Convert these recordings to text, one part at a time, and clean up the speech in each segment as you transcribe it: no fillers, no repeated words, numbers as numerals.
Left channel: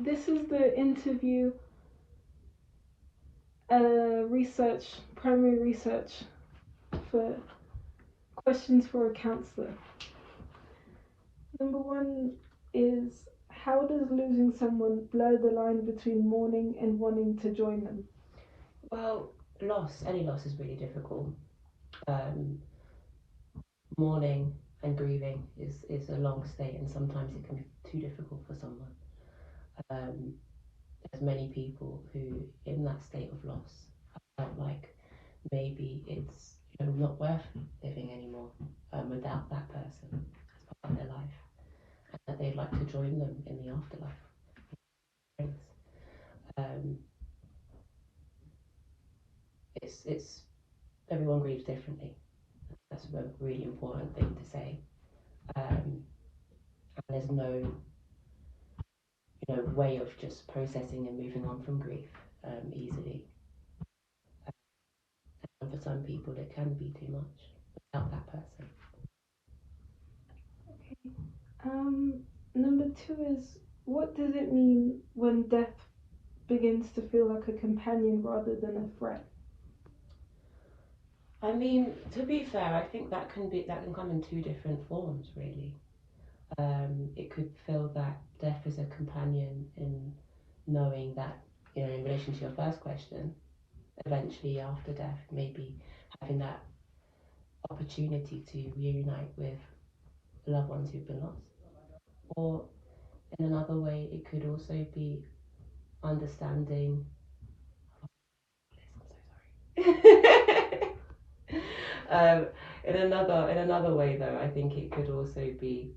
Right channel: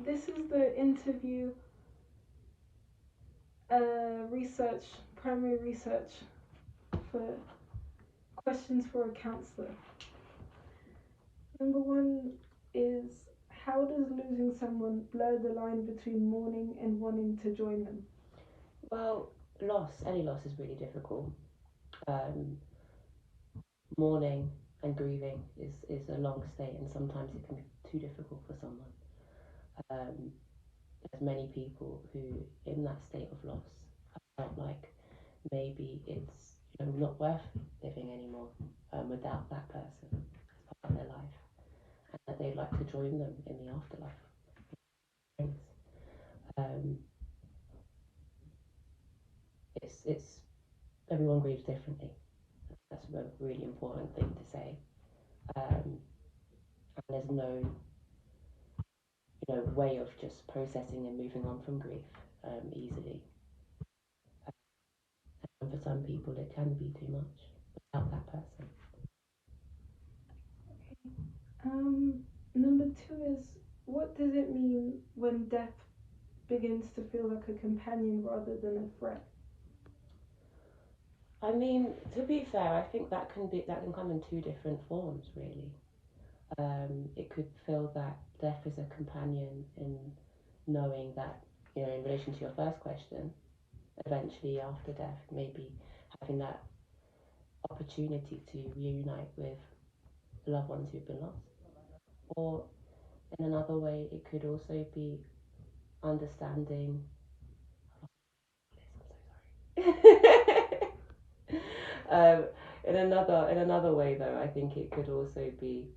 This is the interview primary research for questions for a counsellor. Number one is, how does losing someone blur the line between mourning and wanting to join them? Well, any loss is really difficult. Mourning and grieving is a long state, and sometimes it can be too difficult for someone. There's many people who, in that state of loss, felt like maybe it's not worth living anymore without that person as part of their life, and that they'd like to join them in the afterlife. Um, it's everyone grieves differently. That's a really important thing to say. And there's no way of just processing and moving on from grief easily. And for some people, it can be too much without that person. Okay. Number two is, what does it mean when death begins to feel like a companion rather than a threat? I mean, to be fair, I think that can come in two different forms, really. It could feel that death is a companion in knowing that, in relation to your first question, eventually after death, maybe having that opportunity to reunite with loved ones who've been lost. Or in another way, it could also be understanding. I'm so sorry. In another way, though, I think it could also be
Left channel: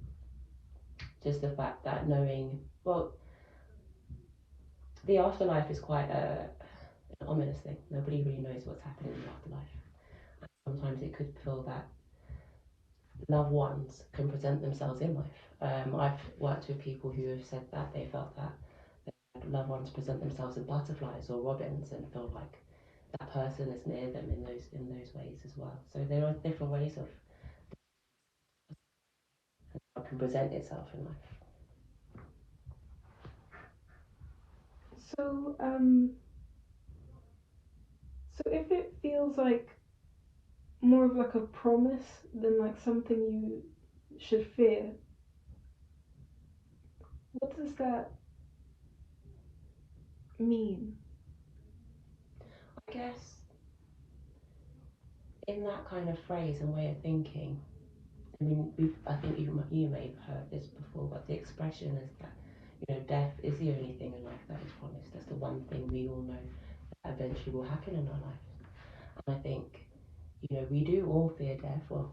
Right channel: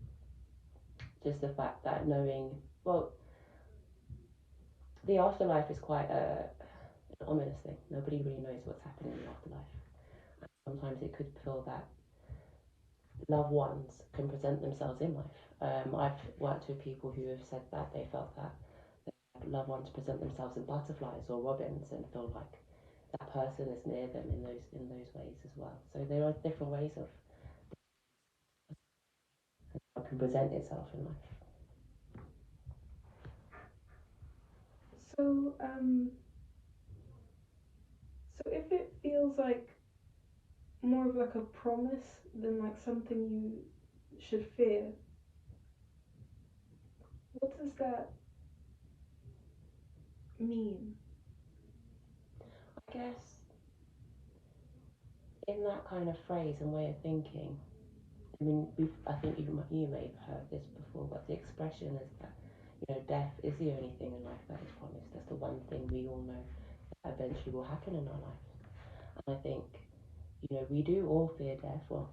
just the fact that knowing, well, the afterlife is quite an ominous thing. Nobody really knows what's happening in the afterlife. Sometimes it could feel that loved ones can present themselves in life. I've worked with people who have said that they felt that loved ones present themselves as butterflies or robins and feel like that person is near them in those ways as well. So there are different ways of how it can present itself in life. So, so if it feels like more of like a promise than like something you should fear, what does that mean? I guess in that kind of phrase and way of thinking, I mean, I think you may have heard this before, but the expression is that death is the only thing in life that is promised. That's the one thing we all know that eventually will happen in our lives. And I think we do all fear death, or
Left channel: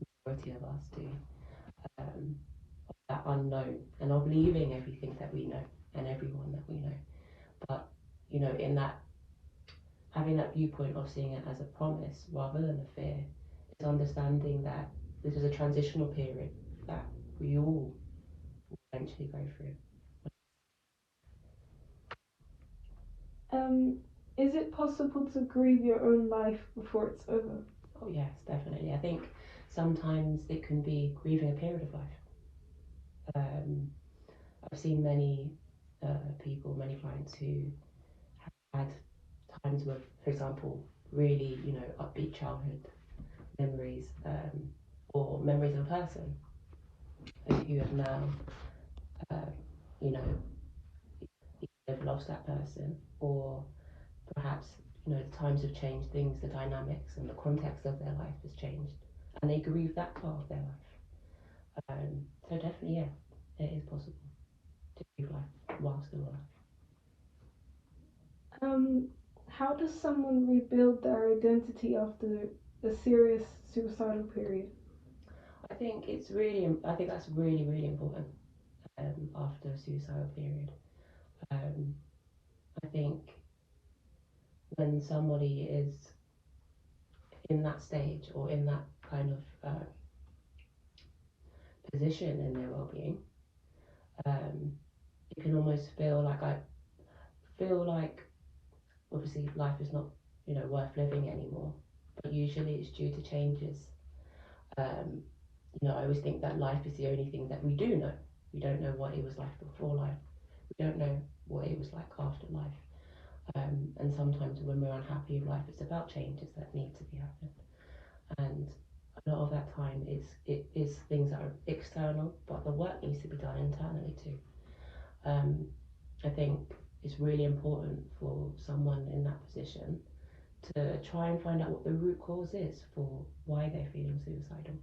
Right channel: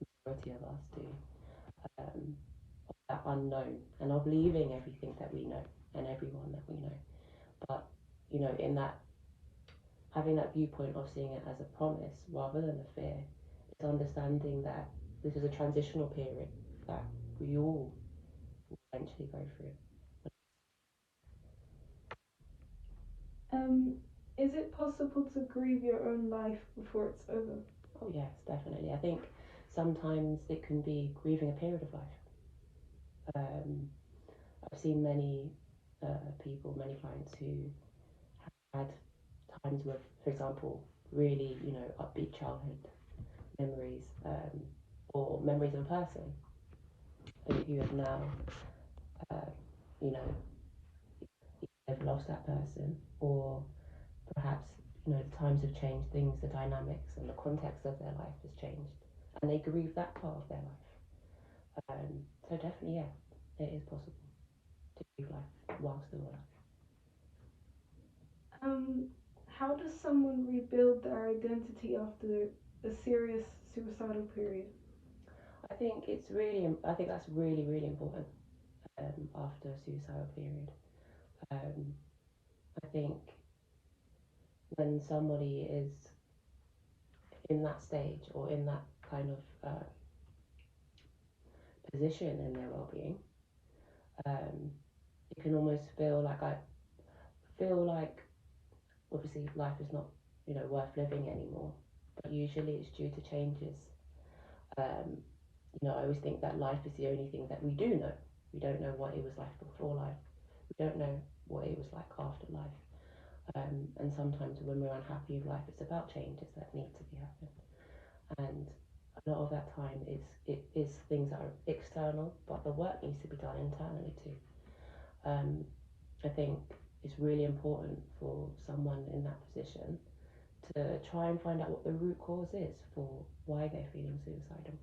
the majority of us do. Um, that unknown and of leaving everything that we know and everyone that we know. But in that having that viewpoint of seeing it as a promise rather than a fear is understanding that this is a transitional period that we all eventually go through. Is it possible to grieve your own life before it's over? Oh yes, definitely. I think sometimes it can be grieving a period of life. I've seen many people, many clients who had times with, for example, really upbeat childhood memories, or memories of a person who have now, uh, you know, they've lost that person, or perhaps the times have changed, things, the dynamics and the context of their life has changed, and they grieve that part of their life. So definitely, yeah, it is possible to grieve life while still alive. How does someone rebuild their identity after a serious suicidal period? I think that's really important after a suicidal period. Um, I think when somebody is in that stage or in that kind of position in their well-being, um, you can almost feel like obviously life is not worth living anymore, but usually it's due to changes. Um, I always think that life is the only thing that we do know. We don't know what it was like before life. We don't know what it was like after life. And sometimes when we're unhappy with life, it's about changes that need to be happened. And a lot of that time it is things that are external, but the work needs to be done internally too. I think it's really important for someone in that position to try and find out what the root cause is for why they're feeling suicidal,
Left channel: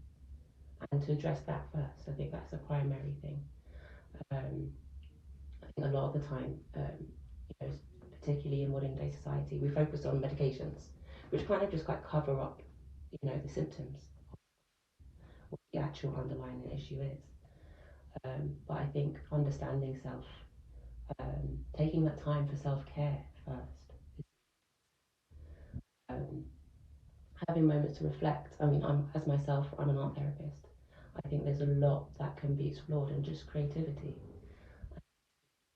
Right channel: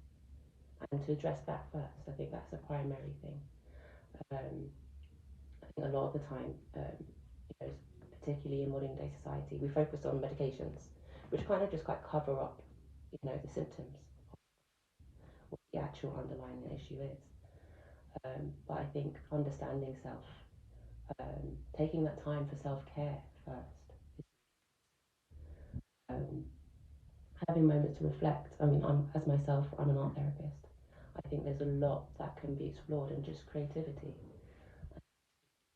and to address that first. I think that's the primary thing. I think a lot of the time, you know, particularly in modern day society, we focus on medications, which kind of just like cover up, the symptoms, what the actual underlying issue is. But I think understanding self, taking that time for self care first, um, having moments to reflect. I mean, as myself, I'm an art therapist. I think there's a lot that can be explored in just creativity.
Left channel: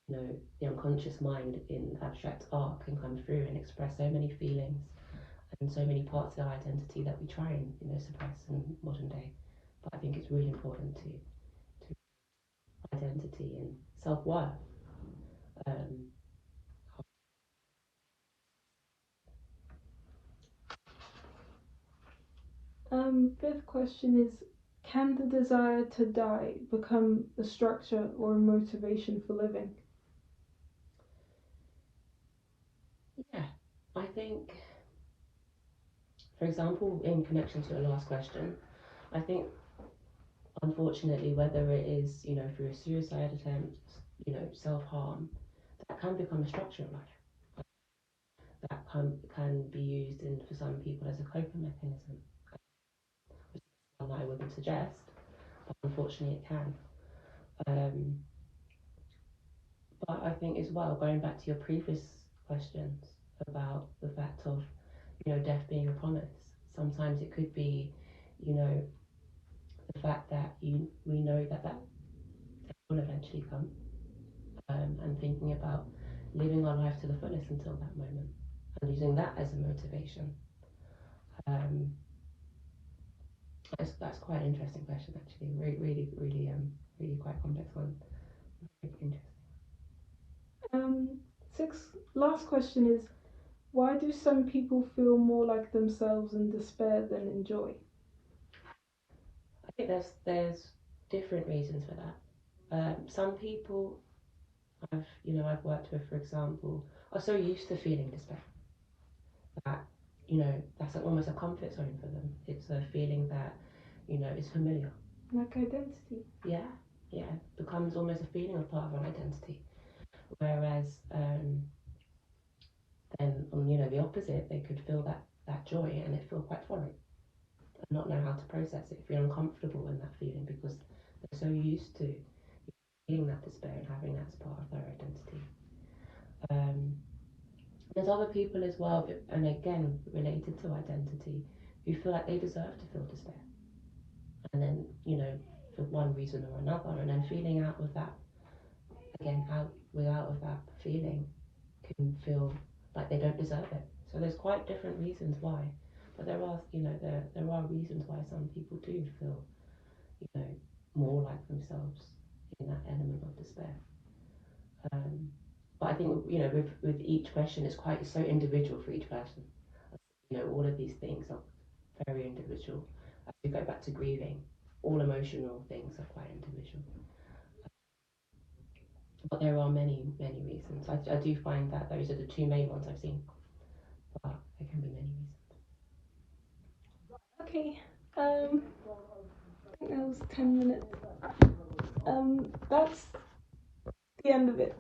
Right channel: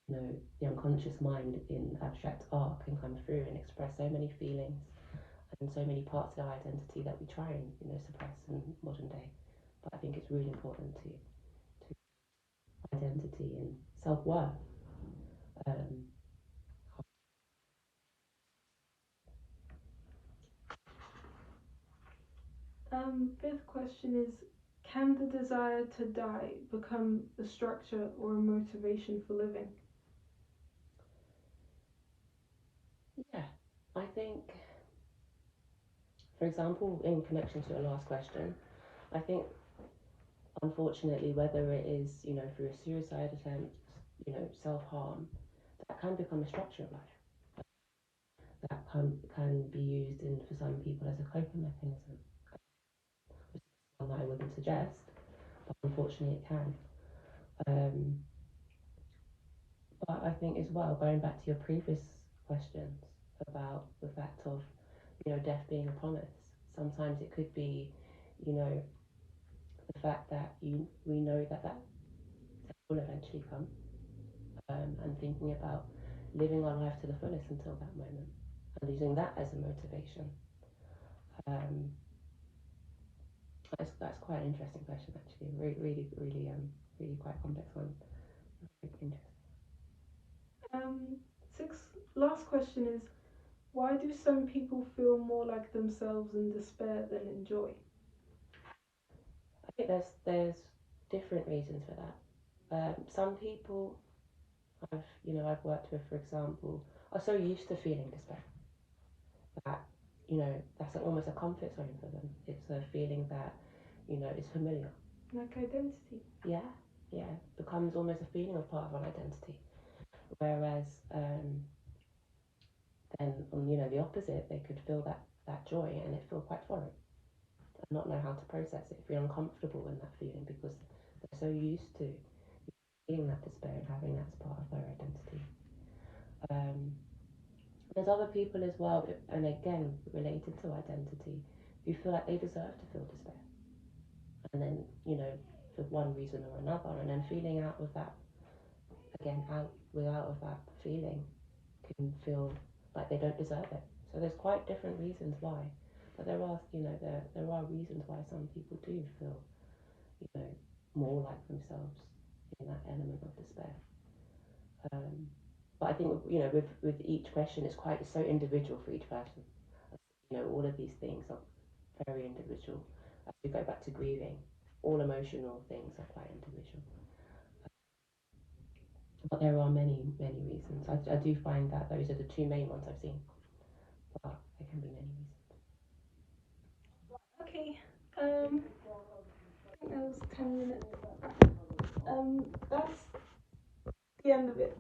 The unconscious mind in abstract art can come through and express so many feelings and so many parts of our identity that we try and suppress in modern day. But I think it's really important to identity and self worth. Um, Fifth question is, can the desire to die become a structure or a motivation for living? yeah, I think, for example, in connection to the last question, I think unfortunately, whether it is, through suicide attempts, self harm, that can become a structure of life. That can be used for some people as a coping mechanism, which is one that I wouldn't suggest, but unfortunately it can. But I think as well, going back to your previous questions about the fact of, death being a promise, sometimes it could be, the fact that we know that will eventually come, and thinking about living our life to the fullest until that moment and using that as a motivation. Um, that's quite an interesting question, actually. Really quite complex one. Really interesting. Last question is, why do some people feel more like themselves in despair than in joy? I think there's different reasons for that. Some people I've worked with, for example, are so used to feeling despair that that's almost a comfort zone for them. It's a feeling that is familiar. Like identity. Yeah, yeah, becomes almost a feeling of part of our identity. Whereas then on the opposite, they could feel that joy and it feel quite foreign and not know how to process it, feel uncomfortable in that feeling because they're so used to feeling that despair and having that as part of their identity. There's other people as well, and again related to identity, who feel like they deserve to feel despair, and then for one reason or another, and then feeling out of that again, out of that feeling, can feel like they don't deserve it. So there's quite different reasons why, but there are there are reasons why some people do feel more like themselves in that element of despair. But I think with each question, it's so individual for each person. All of these things are very individual. As we go back to grieving, all emotional things are quite individual. But there are many reasons. I do find that those are the two main ones I've seen. But there can be many reasons. Okay. I think that was 10 minutes. That's the end of it.